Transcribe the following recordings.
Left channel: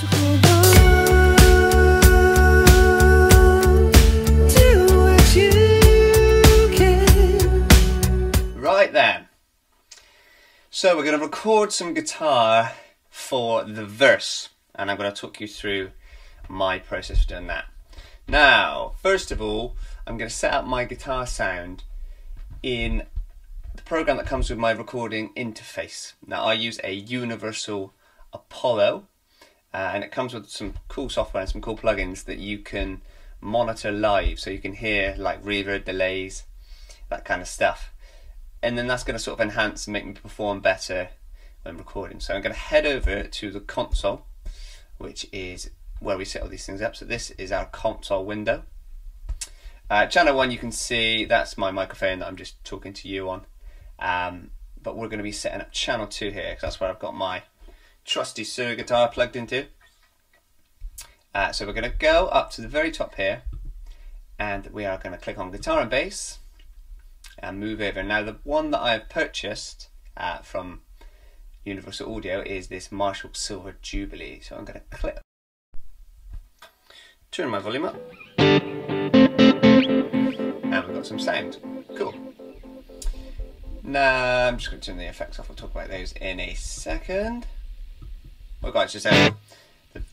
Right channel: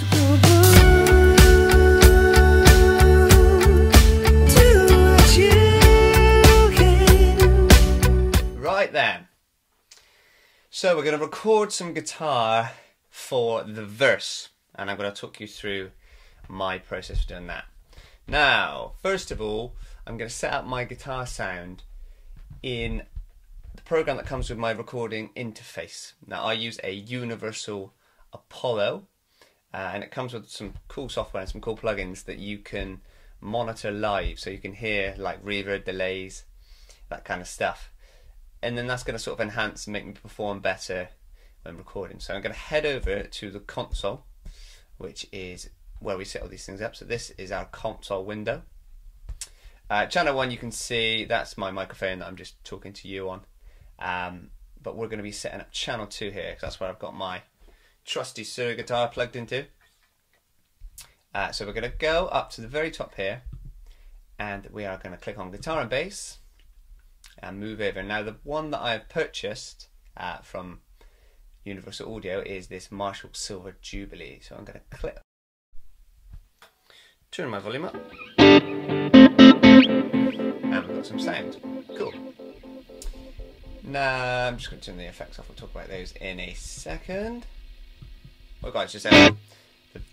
Right then, so we're going to record some guitar for the verse, and I'm going to talk you through my process for doing that. Now, first of all, I'm going to set up my guitar sound in the program that comes with my recording interface. Now, I use a Universal Apollo, and it comes with some cool software and some cool plugins that you can monitor live, so you can hear like reverb, delays, that kind of stuff. And then that's going to sort of enhance and make me perform better when recording. So I'm going to head over to the console, which is where we set all these things up. So this is our console window. Channel 1, you can see that's my microphone that I'm just talking to you on. But we're going to be setting up channel 2 here, because that's where I've got my trusty Sir guitar plugged into. So we're going to go up to the very top here, and we are going to click on guitar and bass and move over. Now, the one that I've purchased from Universal Audio is this Marshall Silver Jubilee. So I'm going to click, turn my volume up, and we've got some sound. Cool. Now I'm just going to turn the effects off. We'll talk about those in a second. Well guys, just the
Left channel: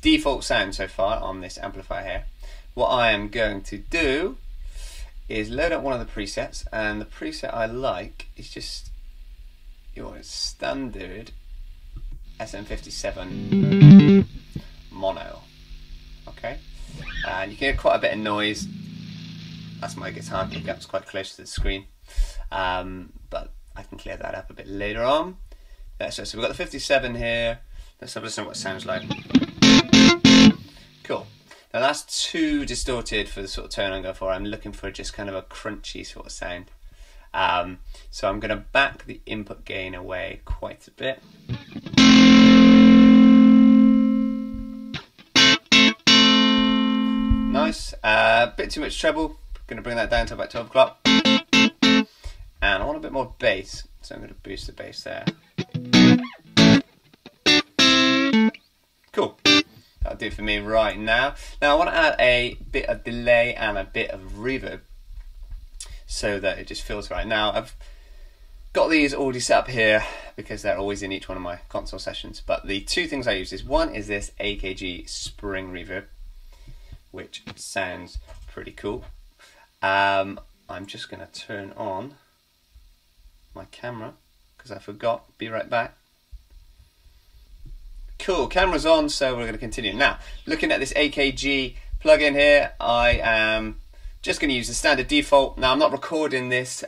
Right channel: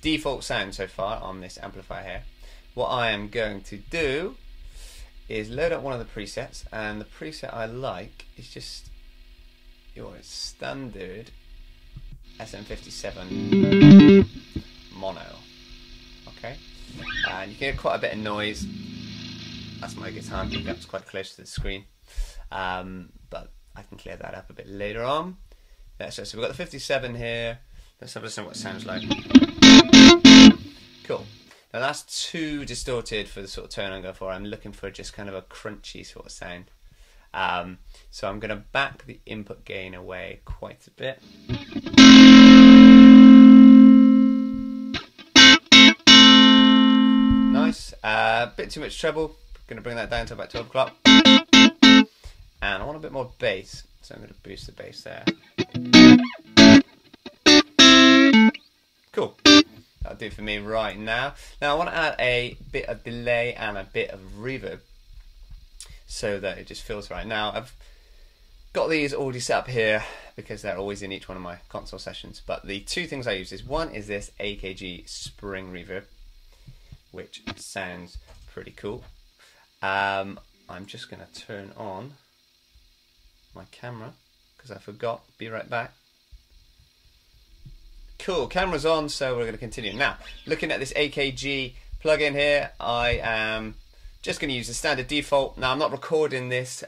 default sound so far on this amplifier here. What I am going to do is load up one of the presets, and the preset I like is just your standard SM57 mono. Okay, and you can hear quite a bit of noise. That's my guitar pickups quite close to the screen, but I can clear that up a bit later on. So we've got the 57 here. Let's have a listen to what it sounds like. Cool. Now that's too distorted for the sort of tone I'm going for. I'm looking for just kind of a crunchy sort of sound. So I'm going to back the input gain away quite a bit. Nice. Bit too much treble. Going to bring that down to about 12 o'clock. And I want a bit more bass, so I'm going to boost the bass there. Cool. That'll do for me right now. Now I want to add a bit of delay and a bit of reverb so that it just feels right. Now I've got these already set up here because they're always in each one of my console sessions, but the two things I use is, one is this AKG spring reverb, which sounds pretty cool. I'm just going to turn on my camera because I forgot. Be right back. Cool, camera's on, so we're going to continue. Now, looking at this AKG plugin here, I am just going to use the standard default. Now, I'm not recording this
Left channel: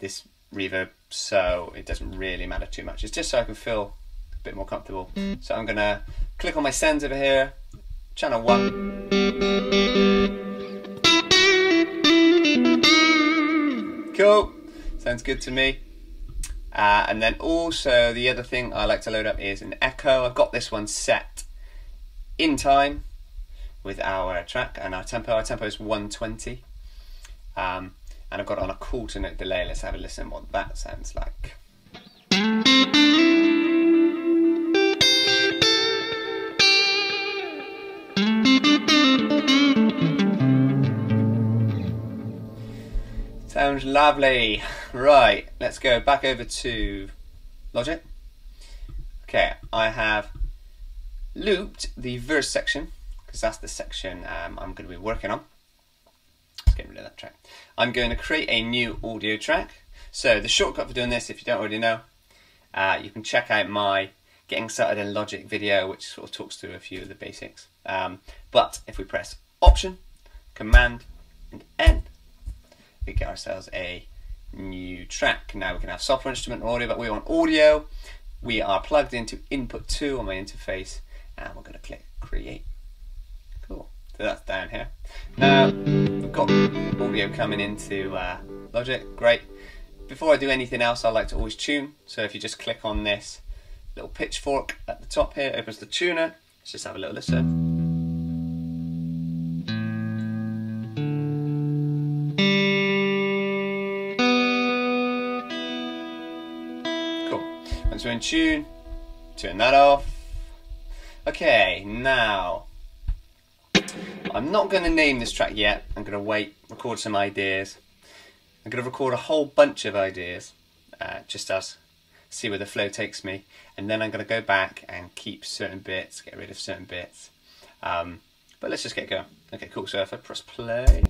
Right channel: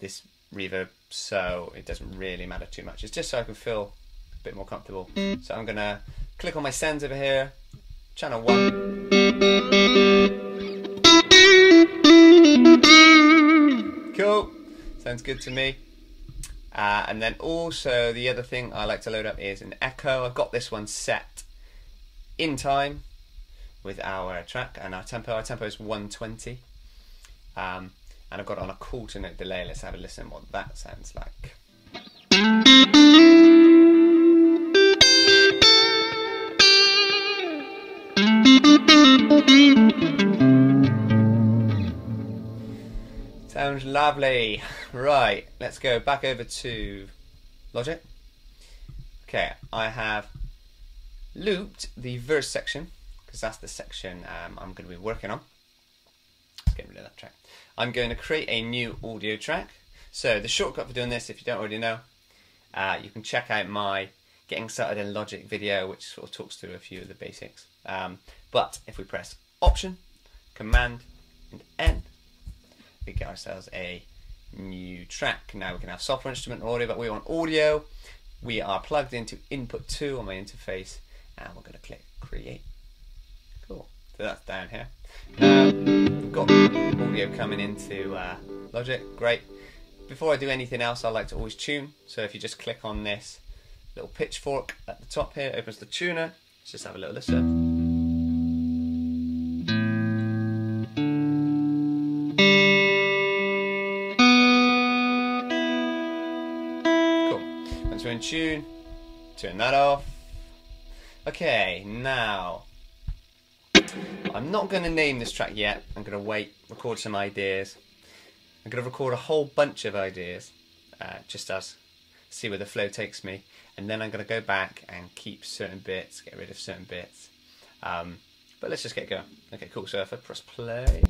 this reverb, so it doesn't really matter too much. It's just so I can feel a bit more comfortable. So I'm going to click on my sends over here, channel 1. Cool, sounds good to me. And then also the other thing I like to load up is an echo. I've got this one set in time with our track and our tempo. Our tempo is 120. And I've got it on a quarter note delay. Let's have a listen what that sounds like. Sounds lovely. Right, let's go back over to Logic. Okay, I have looped the verse section because that's the section I'm going to be working on. Let's get rid of that track. I'm going to create a new audio track. So the shortcut for doing this, if you don't already know, you can check out my Getting Started in Logic video, which sort of talks through a few of the basics. But if we press Option, Command, and N, we get ourselves a new track. Now we can have software, instrument, and audio, but we want audio. We are plugged into input 2 on my interface, and we're going to click create. Cool. So that's down here. Now we've got audio coming into Logic. Great. Before I do anything else, I like to always tune. So if you just click on this little pitchfork at the top here, opens the tuner. Let's just have a little listen. Once we're in tune, turn that off. Okay, now I'm not going to name this track yet. I'm going to wait, record some ideas. I'm going to record a whole bunch of ideas, just as see where the flow takes me, and then I'm going to go back and keep certain bits, get rid of certain bits. But let's just get going. Okay, cool. So if I press play.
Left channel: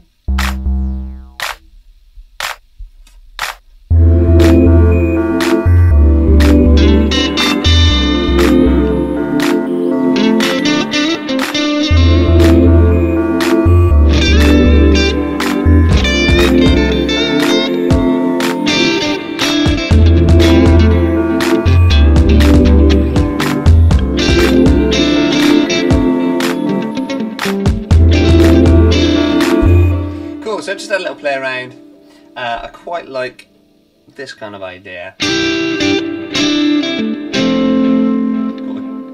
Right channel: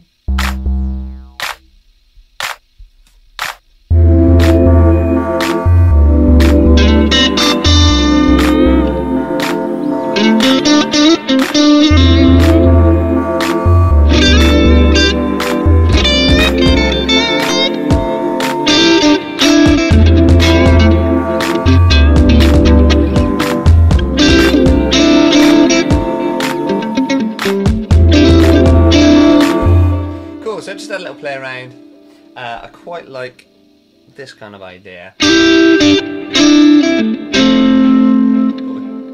So just had a little play around. I quite like this kind of idea.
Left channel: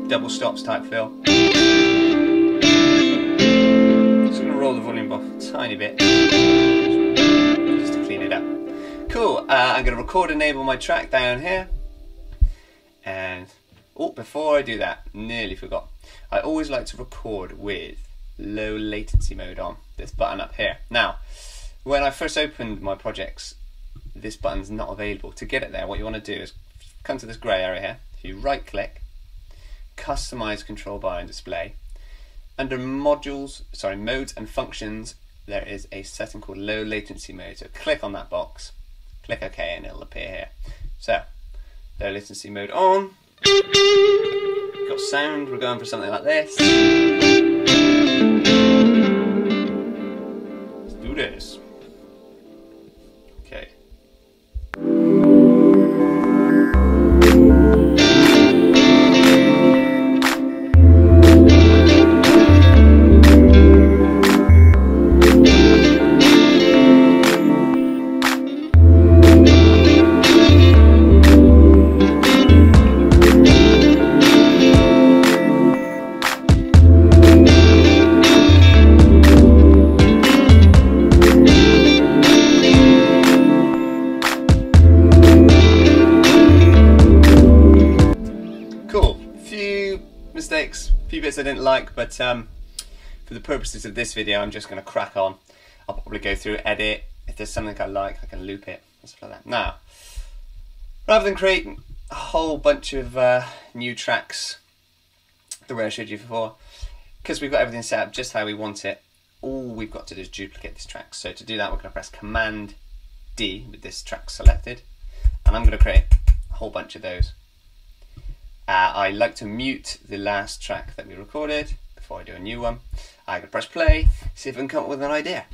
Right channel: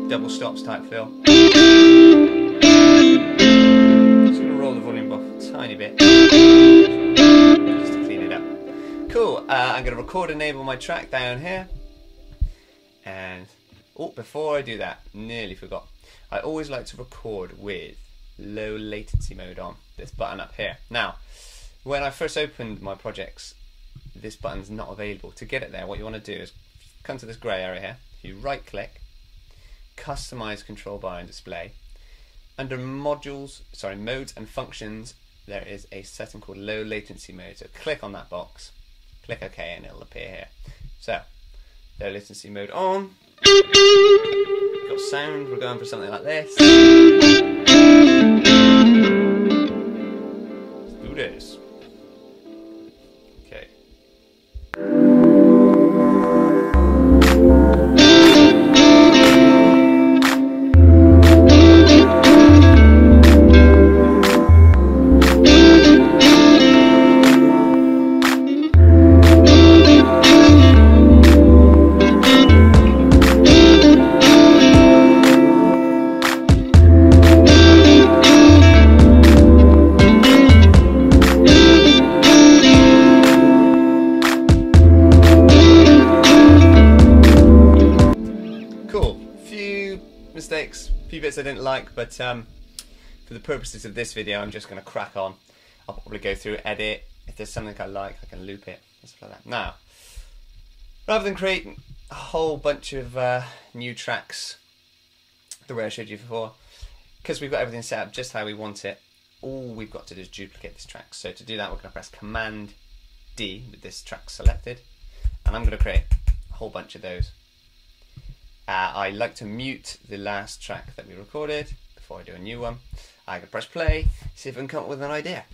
Double stops type feel. Just going to roll the volume off a tiny bit just to clean it up. Cool. I'm going to record enable my track down here. And before I do that, nearly forgot. I always like to record with low latency mode on, this button up here. Now, when I first opened my projects, this button's not available. To get it there, what you want to do is come to this grey area here. If you right click, customize control bar and display. Under modes and functions, there is a setting called low latency mode. So click on that box, click OK, and it'll appear here. So, low latency mode on. Got sound, we're going for something like this. Let's do this. Okay. Mistakes, a few bits I didn't like, but for the purposes of this video I'm just going to crack on. I'll probably go through, edit, if there's something I like I can loop it and stuff like that. Now, rather than create a whole bunch of new tracks the way I showed you before, because we've got everything set up just how we want it, all we've got to do is duplicate this track. So to do that we're going to press Command D with this track selected, and I'm going to create a whole bunch of those. I like to mute the last track that we recorded before I do a new one. I can press play, see if I can come up with an idea.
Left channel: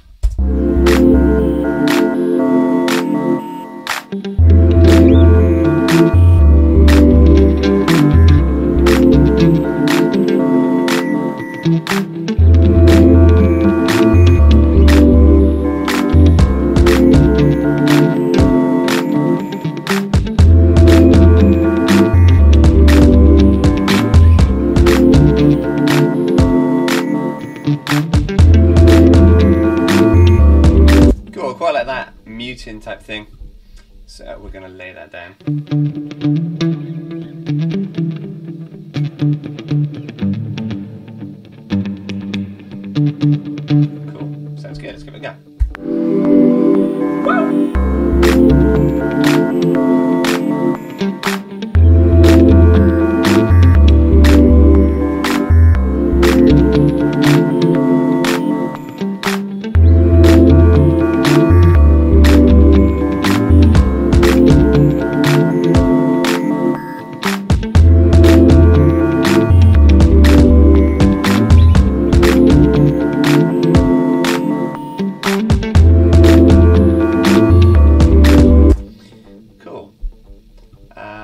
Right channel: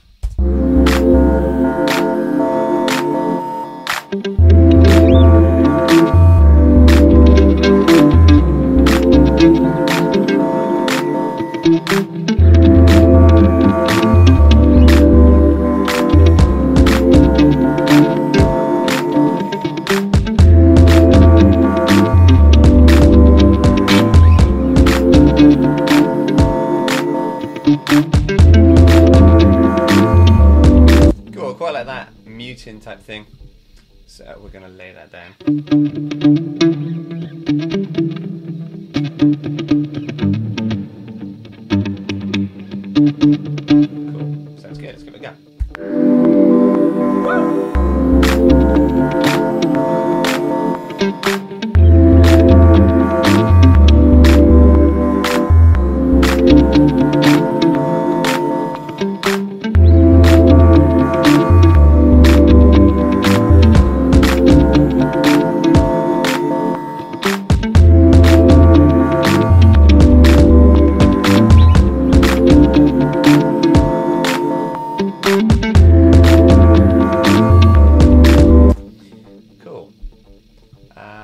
Quite like that muting type thing, so we're going to lay that down. Cool, sounds good, let's give it a go.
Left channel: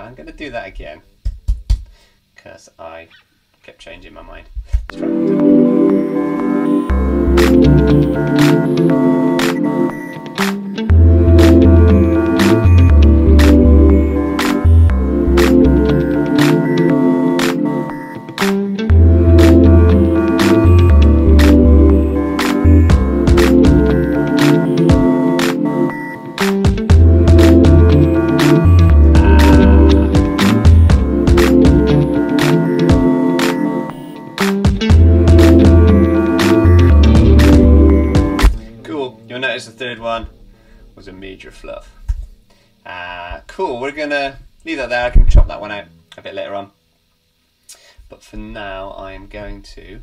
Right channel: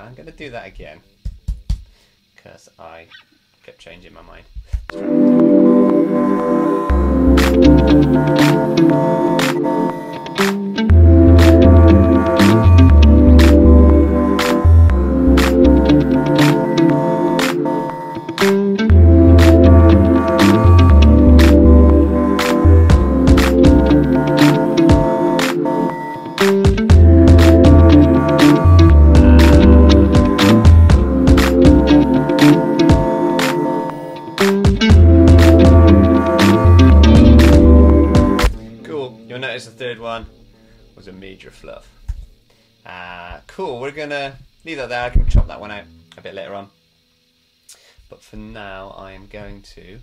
I'm going to do that again because I kept changing my mind. Let's try one notice the third one was a major fluff. Cool, we're gonna leave that there. I can chop that one out a bit later on. But for now, I am going to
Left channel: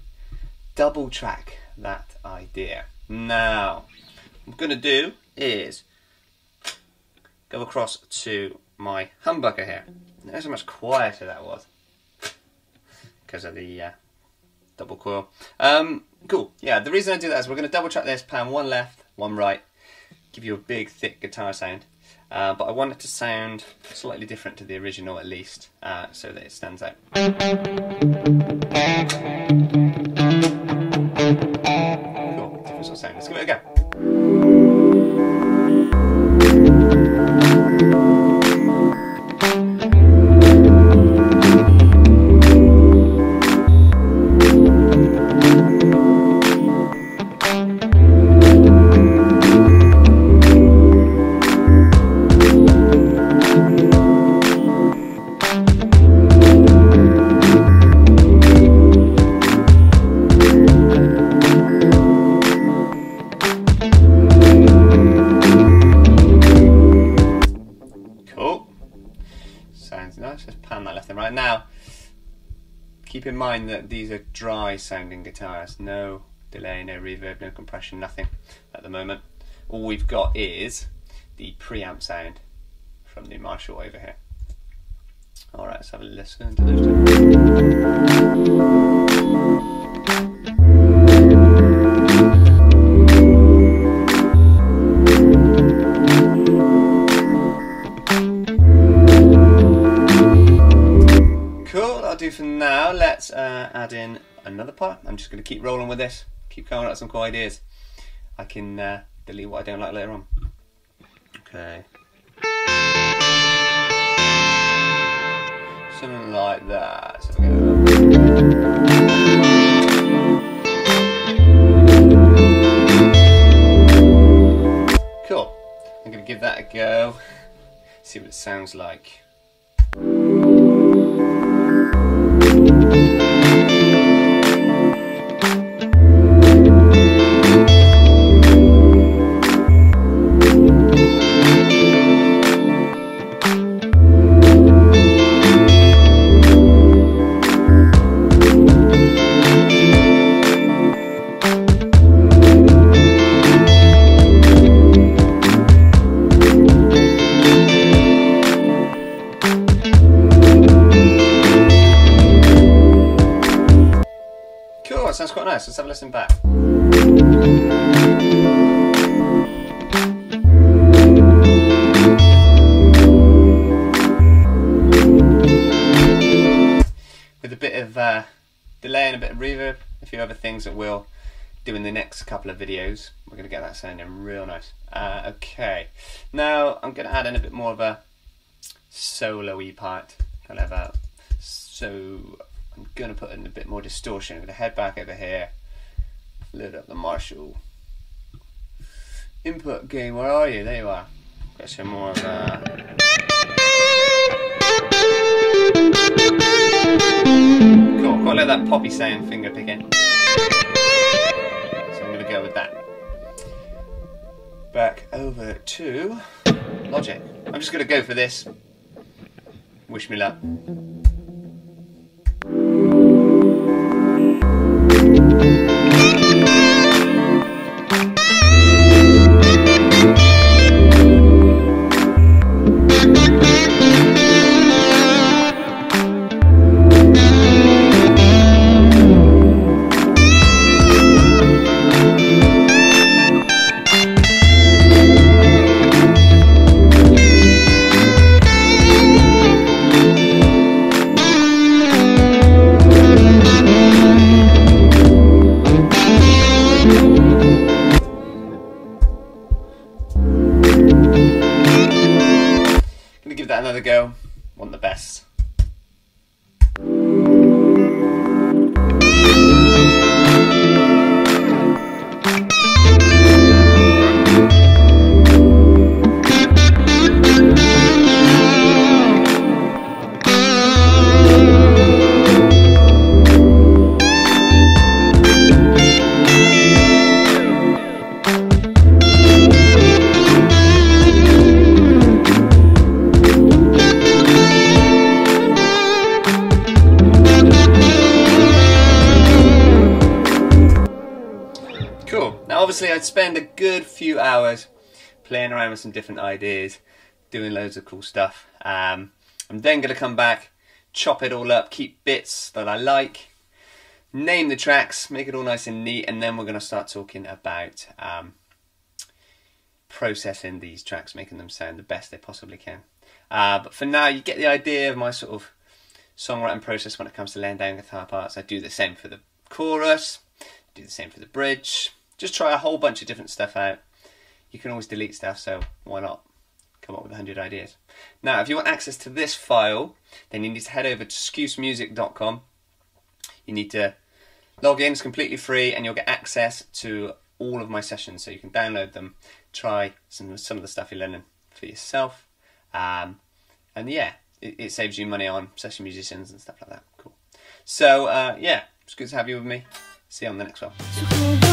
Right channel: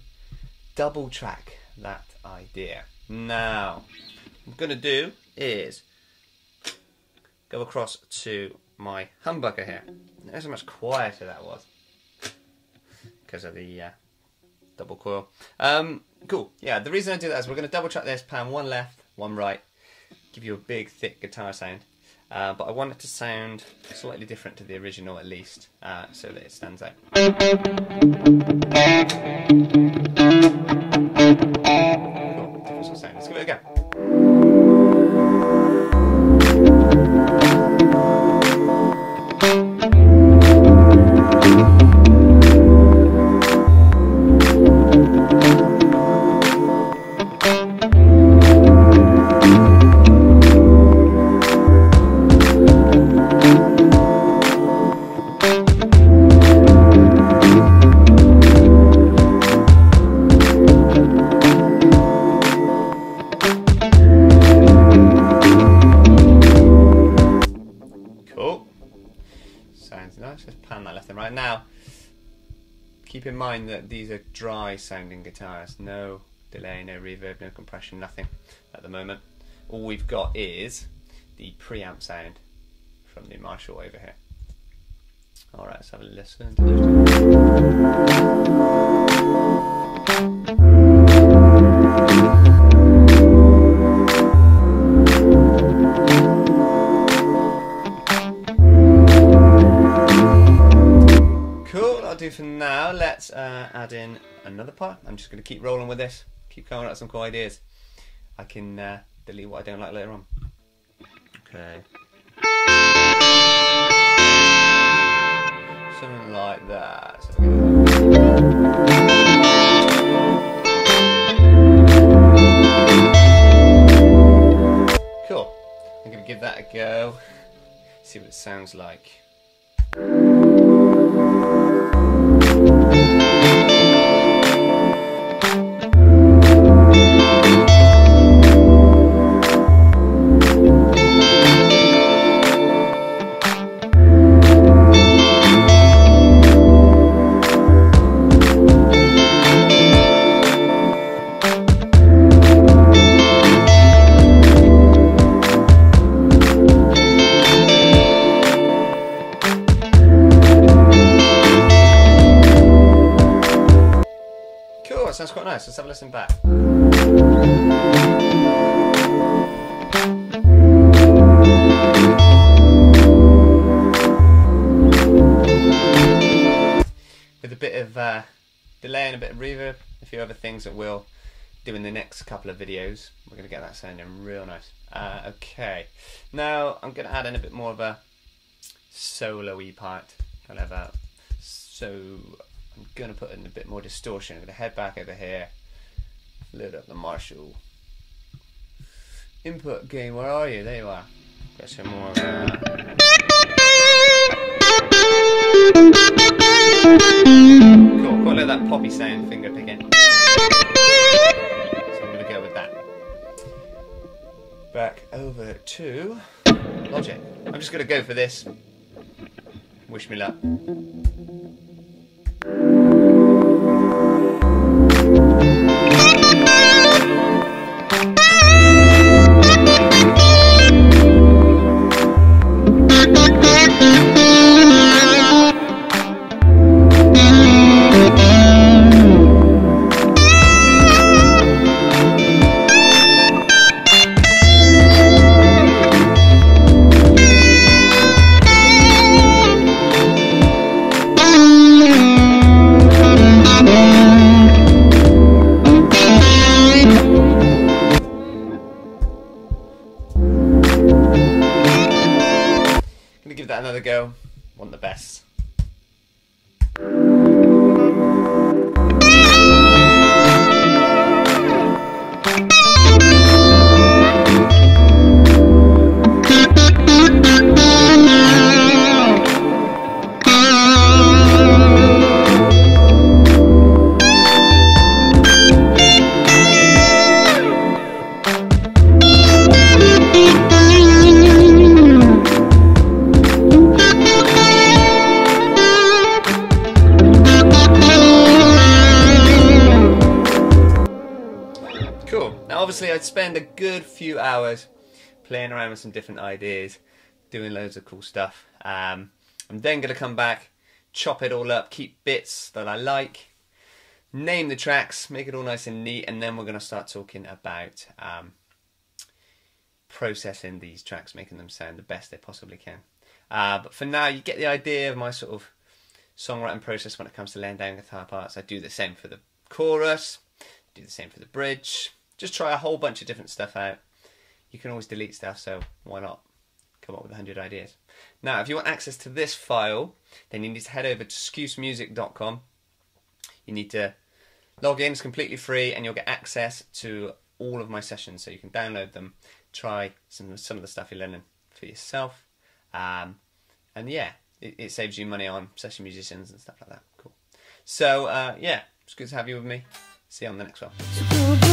double track that idea. Now, what I'm gonna do is go across to my humbucker here. Notice how much quieter that was because of the double coil. Cool, yeah, the reason I do that is we're going to double track this, pan one left, one right, give you a big thick guitar sound, but I want it to sound slightly different to the original at least, so that it stands out. Cool, different sort of sound. Let's give it a go. Now, keep in mind that these are dry sounding guitars, no delay, no reverb, no compression, nothing at the moment. All we've got is the preamp sound from the Marshall over here. Alright, let's have a listen to those for now. Let's add in another part. I'm just going to keep rolling with this, keep coming up with some cool ideas. I can delete what I don't like later on. Okay. Something like that. So cool. I'm going to give that a go, see what it sounds like. Sounds quite nice. Let's have a listen back. With a bit of delay and a bit of reverb, a few other things that we'll do in the next couple of videos. We're going to get that sounding real nice. Okay, now I'm going to add in a bit more of a solo-y part. Kind of a I'm going to put in a bit more distortion. I'm going to head back over here, load up the Marshall input gain. Where are you? There you are. Got some more of cool, quite like that poppy sound finger picking. So I'm going to go with that. Back over to Logic. I'm just going to go for this. Wish me luck. obviously I'd spend a good few hours playing around with some different ideas, doing loads of cool stuff. I'm then going to come back, chop it all up, keep bits that I like, name the tracks, make it all nice and neat, and then we're going to start talking about processing these tracks, making them sound the best they possibly can. But for now, you get the idea of my sort of songwriting process when it comes to laying down guitar parts. I do the same for the chorus, do the same for the bridge, just try a whole bunch of different stuff out. You can always delete stuff, so why not come up with 100 ideas. Now, if you want access to this file, then you need to head over to scusemusic.com. You need to log in, it's completely free, and you'll get access to all of my sessions, so you can download them, try some of the stuff you're learning for yourself, and yeah, it saves you money on session musicians and stuff like that. Cool. So yeah, it's good to have you with me. See you on the next one.